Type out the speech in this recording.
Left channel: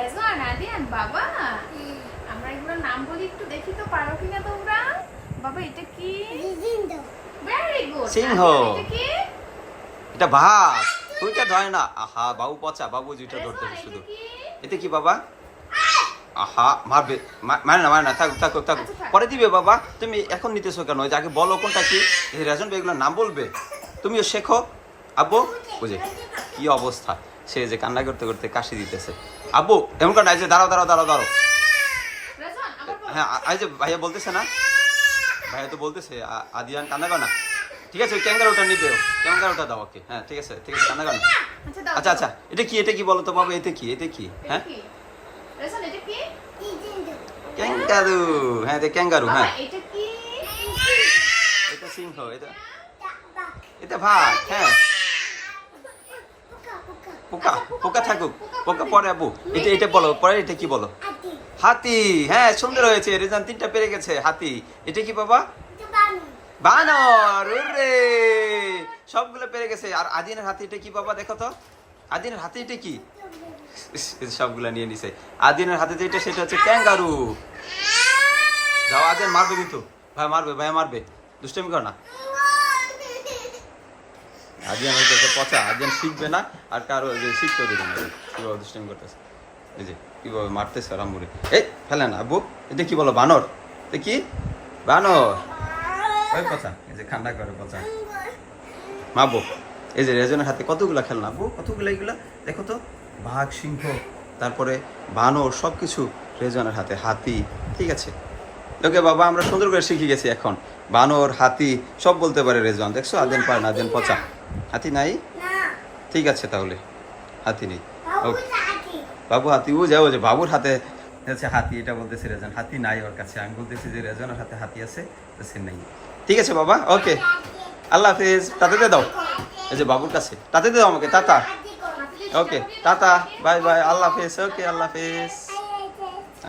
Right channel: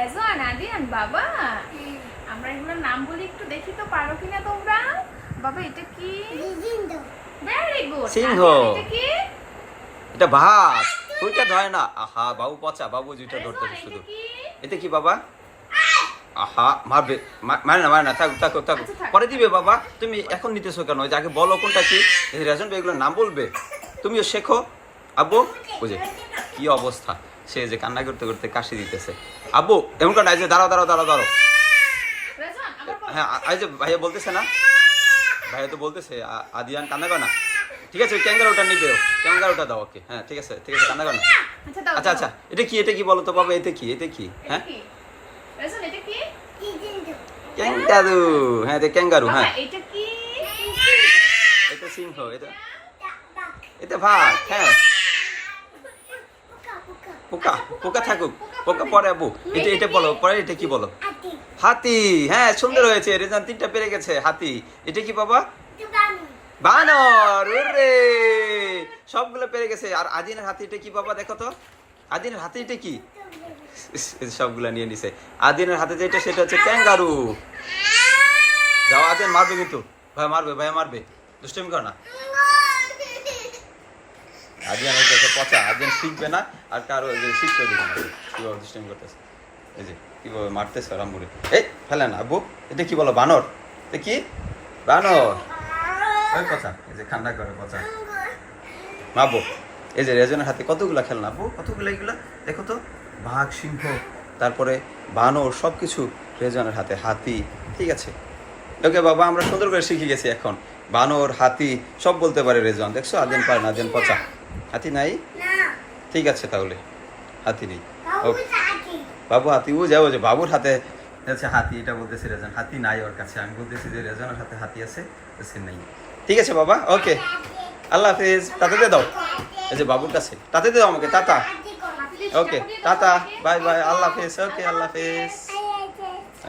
রেজওয়ান, আদিয়ান, বাবা আমরা এগুলোর নাম বলি, একটু দেখি তো পারো কিনা তোমরা। বাবা এটা কি? Very good. সিংহ। এটা কি? এটা ভাত। ওইটা ধরে না। আহা বাবু পচা, বাবু যেটা ধরতে রেজওয়ান, শুধু। এটা কি? এটা কি বাবা? আহা মারবে, মানে না থাকুক থাকুক থাকুক, আচ্ছা, থাক। পরে দিবে বাবা। তুমি এখন নিতেছো কেন? ওই যে আগে বলো কোনটা কি। এই রেজন এগুলোর নাম বলবে, তুমিও শেখো। আব্বু বুঝে কি অবস্থা, সে যে কান্না করতে করতে কাশি দিতেছে। আব্বু এমন কান্না, এই যে দাঁড়াও দাঁড়াও দাঁড়াও দাঁড়াও। রেজওয়ান আবার বলো। হ্যাঁ এই যে ভাইয়া বলতেছে না, ভাইয়া তো বলতেছে আদিয়ান কান্না করে না। ঠিক আছে, ওই ক্যাঙ্গারুটা নিবেও, ক্যাঙ্গারুটা দাও ওকে। হ্যাঁ ঠিক আছে ঠিক আছে, কান্না করে না। আচ্ছা দাও। আচ্ছা আচ্ছা, এটা কি বলো তো বাবা, এটা কি? এটা হ্যাঁ কি? রেজওয়ান এটা কি? ক্যাঙ্গারু। হ্যাঁ এটা ক্যাঙ্গারু। বাবা হ্যাঁ এটা কি? এটা সিংহ। এটা ভাত। হ্যাঁ পোকা, পোকা থাকুক, পোকা পরে আবু। এটা বলো পরে, এটা কি বলো? হাতি। হ্যাঁ সুন্দর হয়েছে, রেজান 3টা পেরে গেছে। হাতি। এটা কি বাবা? বানর। ওরে সবগুলো পেরে গেছে। আর আদিনের হাতি এটা কি বাবা? দেখো তো আদিনের হাতি এটা কি? সবগুলা নিয়ে নিছে। আদিনের হাতে যেটা সেটা হচ্ছে ক্যাঙ্গারু। যাও, আদিন মারবে কিন্তু, ভাই মারবে, ভাই মারবে, দুষ্টমি কর না। আদিয়ান হচ্ছে পচা, আদিয়ান শিখবে না আর কারো শিখতেও দেবে না। কিভাবে দুষ্টমি করতেছে, এই যে কিভাবে মারতেছে রামবুড়ি। এই ফেলে না আব্বু। এটা কি বলো? বানর। এটা কি? বানর। ওই পচা, এই যে ঠান্ডা করে পচা মাবো। এই যে রেজনের হাতে কতগুলা খেলনা আব্বু, কতগুলো এগুলো দেখো তো। বাঘ, সিংহ, তারপরে বানর, সব কিছু রেজনের হাতে। হাতি। ঠিক আছে ওকে বাবা, আমরা সুন্দর করে শিখে গেছি এখন। বানর, হাতি সব বলতে পারে রেজন। দেখছো আদিন পারে না, আদিন পচা। হাতি নাই? ঠিক আছে তাহলে হাতি নেই। ওকে বাবু হাতি, ও যাবো যে বাবুর হাতে আছে হাতি, এটা বলতেছে রেজন। হাতি নাই ওর কাছে, আমি বলতেছি যে রেজনের হাতে হাতি আছে, সে নেই। ঠিক আছে বাবা, ওকে আল্লাহ হাফিজ। তাতে দিয়ে দাও, এই যে বাবুর কাছে তাতে দিয়ে দাও আমাকে। Tata. Okay tata, bye bye, আল্লাহ হাফিজ। ওকে আল্লাহ হাফিজ।